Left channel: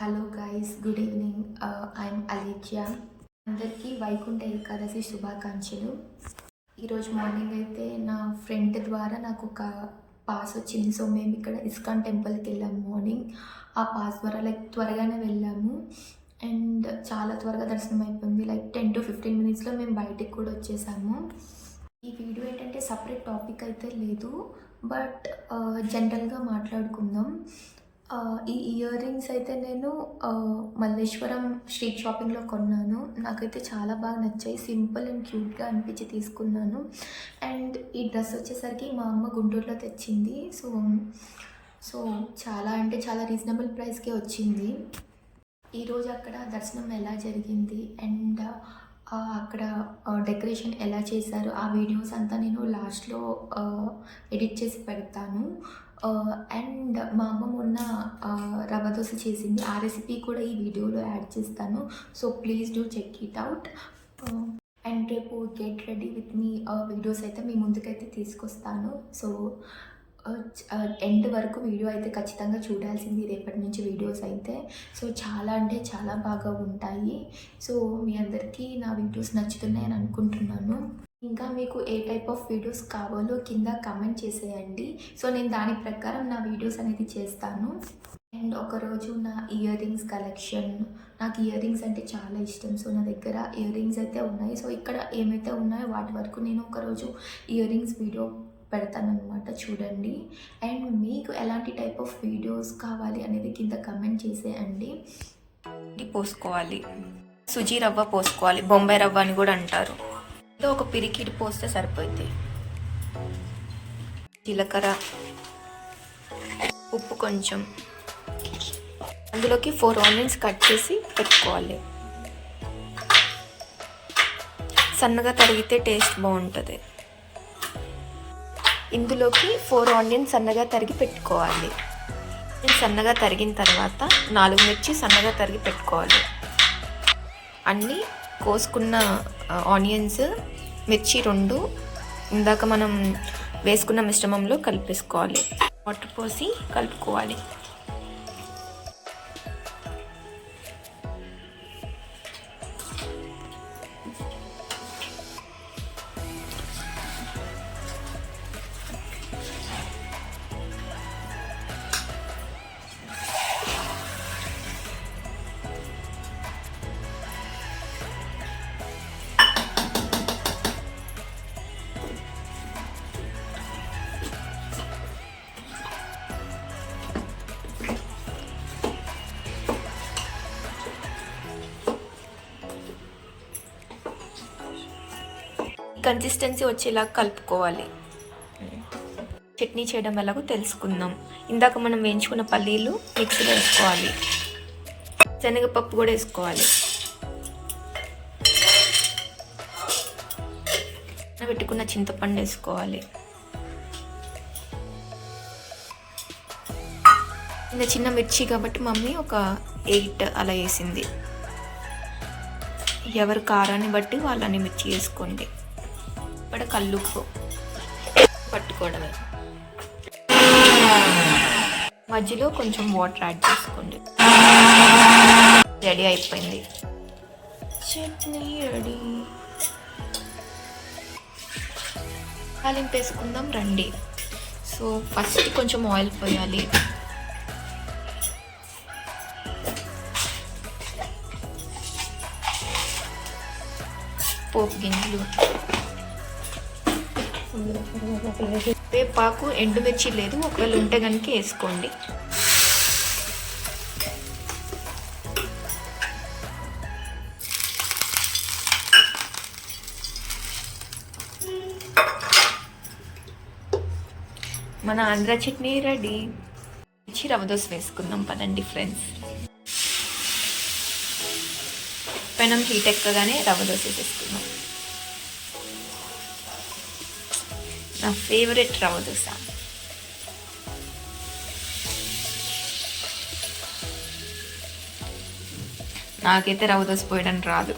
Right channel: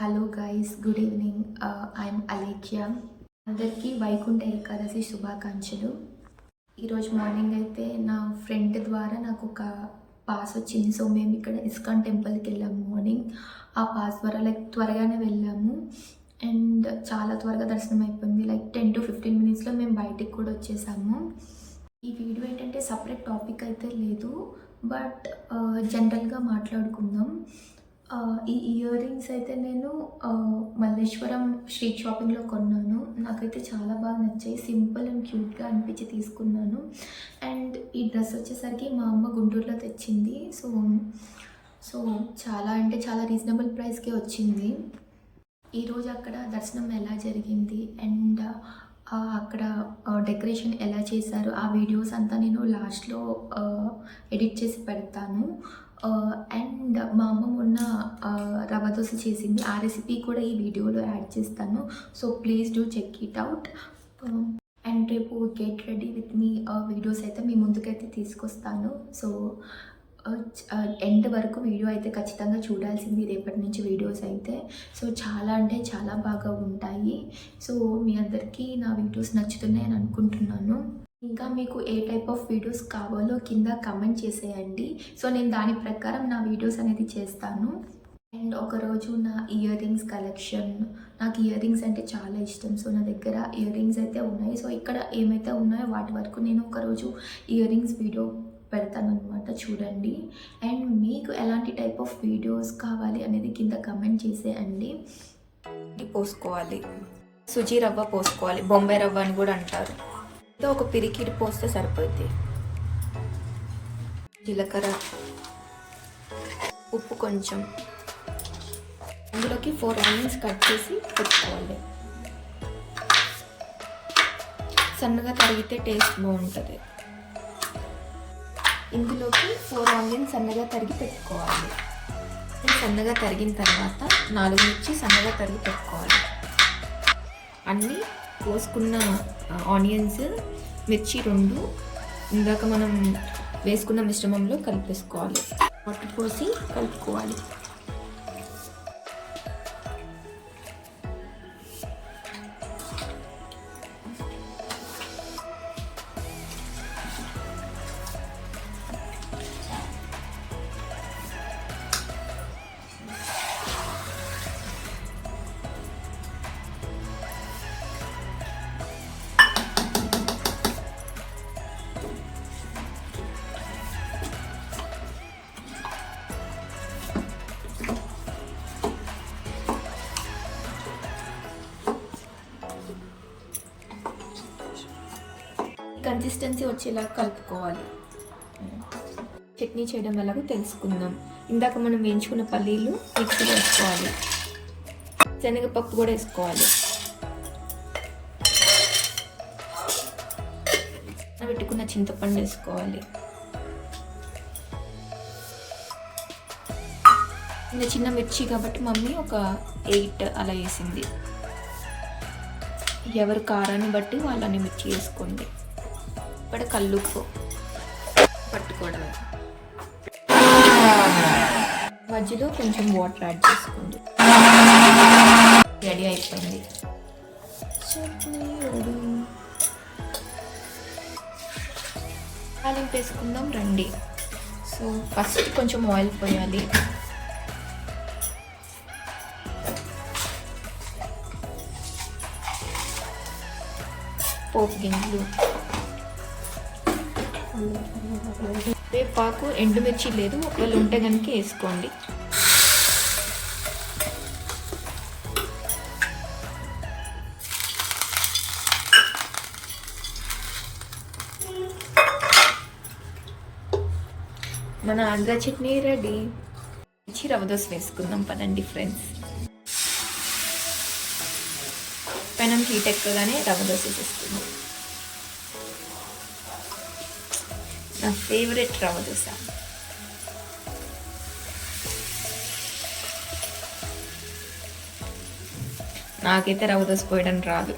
Hello guys, good evening. I'm Alekhya. అందరికీ వైకుంఠ ఏకాదశి శుభాకాంక్షలు. ఈరోజు మార్నింగ్ అయితే నా ఫ్రెండ్ ద్వారా నాకు ఒక పాస్ వచ్చింది. సో మేము ఇక్కడ ఇస్కాన్ టెంపుల్కి వెళ్ళాము మార్నింగ్. ఆ పాస్ ద్వారా త్వరగానే వెళ్ళాము అండ్ చాలా త్వరగా దర్శనం అయిపోయింది. 10 to 15 మినిట్స్లో మేము బయటికి కూడా వచ్చేసాము. ఈ వీడియో ఏంటంటే సపరేట్ టాపిక్ అయితే లేదు, బట్ జనరల్గా మాట్లాడుకుందాం. ఈ ఇయర్ రింగ్స్ అయితే నేను మల్లేశ్వరం స్ట్రీట్ షాపింగ్లో కొన్నాను. నాకైతే చాలా బాగా నచ్చాయి. సింపుల్ అండ్ క్యూట్గా అనిపించి తీసుకున్నాను. అండ్ ఈ డ్రెస్ వచ్చేసరికి మా అమ్మ గుంటూరులో తెచ్చింది. సో చాలా అంటే చాలా రీజనబుల్ ప్రైస్కే వచ్చింది. ఈరోజు అక్కడ దర్శనం ఎలా జరిగింది అండ్ అక్కడ డెకరేషన్ ఎలా చేశారు ఆ వీడియోస్ అంతా నేను లాస్ట్లో ఎడిట్ చేసి పెడతాను. అండ్ మా అమ్మ మొన్న రవ్వ దోశ చేసింది. ఆ రెసిపీ కూడా ఈ వీడియోలో యాడ్ చేస్తాను. So please do check it out. And రేపు గెట్ రెడీ విత్ మీ వీడియోస్ అయితే మీ ముందుకైతే తీసుకొస్తాను. సో ఎండ్ వరకు వీడియో అయితే ఖచ్చితంగా చూడాల్సింది రేపటి నుంచి వీడియోస్ అయితే. సో చాలా అంటే చాలా బాగా ఉంటాయి. సో మీ అందరికీ నా వీడియోస్ నచ్చుతున్నాయని అనుకుంటున్నాను. ఇంకా మీకు ఏ టైప్ ఆఫ్ వీడియోస్ కావాలో కింద కమెంట్ చేసేయండి. సో నేను దాని ప్రకారం నా వీడియోస్ అనేది చేస్తాను. అండ్ ఒకరోజు నా ఇయర్ రింగ్స్ కలెక్షన్, నాకు ఇయర్ రింగ్స్ అంటే చాలా ఇష్టం. సో నా దగ్గర ఇయర్ రింగ్స్ అయితే ఉన్నాయి. సో ఇక్కడ ఏమైతే ఉన్నాయో వాటి వరకు నేను ఒకరోజు ఇయర్ రింగ్స్ వీడియో పెడతానమాట, చూడండి. అండ్ మీకు ఎలాంటి టైప్ ఆఫ్ వీడియోస్ కావాలి అనేది కింద కమెంట్ చేసేయండి. పోసుకోవాలి, సుజీ రవ్వ పోసుకోవాలి, బొంబాయి రవ్వ అని కూడా అంటారు. ఒక పిరికిడి పోస్తే సరిపోద్ది. జీలకర్ర, ఉప్పు కొంచెం, అందులోకి 4 ఆనియన్స్ కట్ చేసి పెట్టుకోవాలి. సన్నగా తరిగితే టేస్ట్ బాగుంటుంది. ఇందులోకి 4 ఆనియన్స్ సన్నగా తరిగి పెట్టుకోవాలి. సన్నగా తరిగిన తర్వాత 4 మిర్చి సన్నగా తరిగి పెట్టుకోవాలి. అన్నీ కోసుకున్న ఆనియన్స్, మిర్చి 2 ఇందాక మనం వేసుకున్న మిశ్రమంలో కలిపేసుకోవాలి. వాటర్ పోసి కలుపుకోవాలి. కన్సిస్టెన్సీ వచ్చేలా కలుపుకోవాలి. చట్నీ చేయడం ఎలాగో తెలుసుకుందాం. ఇందాక మనం వేయించుకున్న పల్లీలు మిక్సీలో వేసుకోవాలి. శనగపప్పు కూడా వేసుకోవాలి. పెట్టుకున్న చింతపండు వేసుకోవాలి. చిన్న మిర్చి కాబట్టి మమ్మీ ఒక 8 అలా వేసింది. ఎవరు కారాన్ని బట్టి వాళ్ళని మిర్చి వేసుకోండి. ఇప్పుడు కల్లుప్పు పట్టుకోవడమే. మధ్యలో కొంచెం వాటర్ యాడ్ చేసుకోండి. రెడీ అయిపోయింది, చట్నీ రెడీ. తాలింపు వేసుకుందాం రండి. సో ఫస్ట్ కొంచెం ఆయిల్ పోయాలి. పోపు గింజలు, వేపాకు, ఎండుమిర్చి లేదు, ఒకవేళ ఉంటే కనుక వేసుకోండి. మన ఆంధ్ర చట్నీ రెడీ. రవ్వ దోశ వేసుకుందాం పదండి ఫ్రెండ్స్. పెనం హీట్ ఎక్కగానే రవ్వ దోశ వేసుకుందాం. నా ఫేవరెట్ రవ్వ దోశ. నాకైతే రవ్వ దోశ పోయడం రాదు.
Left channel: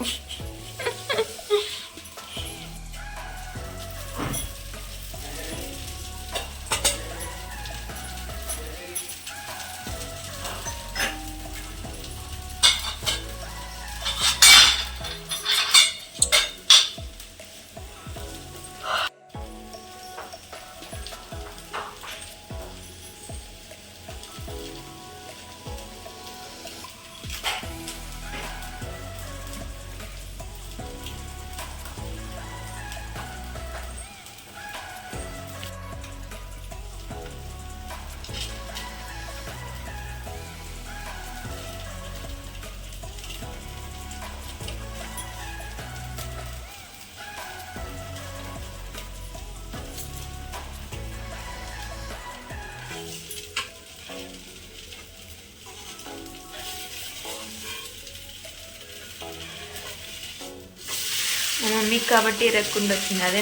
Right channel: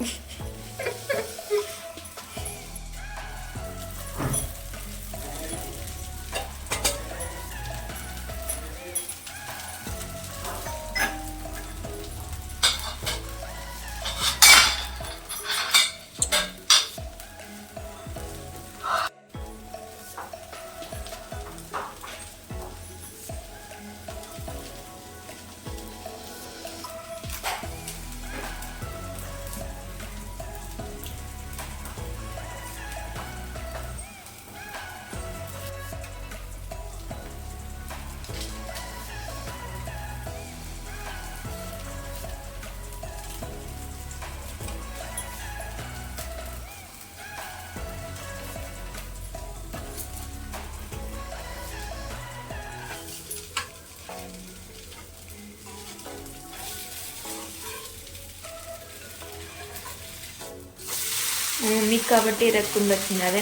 మీకు కాబట్టి ఇరగకుండా వచ్చింది. అదే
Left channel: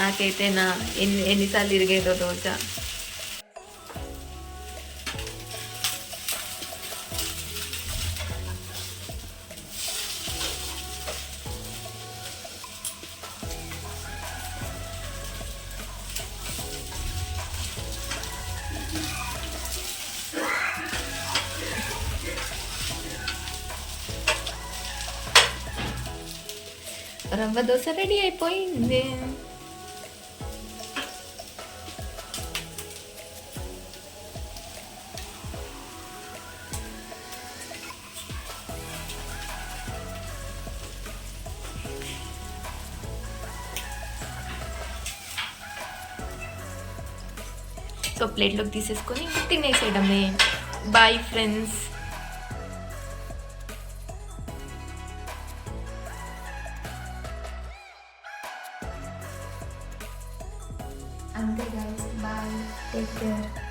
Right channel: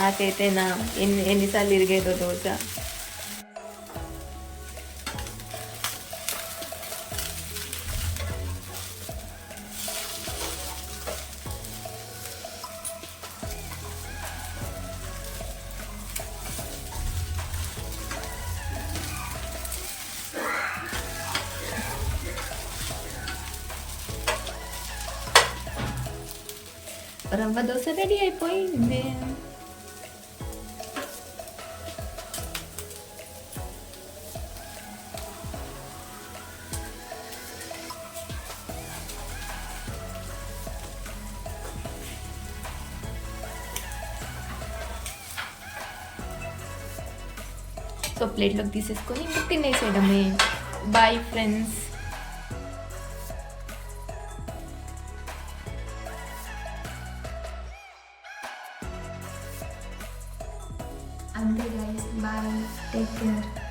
నాకైతే ఎన్నిసార్లు ఇరిగేదో దోశ. రవ్వ దోశ రెడీ అయిపోయింది. ఒక ప్లేట్లోకి తీసేసుకొని ఇంకా తినేసేయడమే. Bye friends. అంతే గైస్, బాయ్, టేక్ కేర్.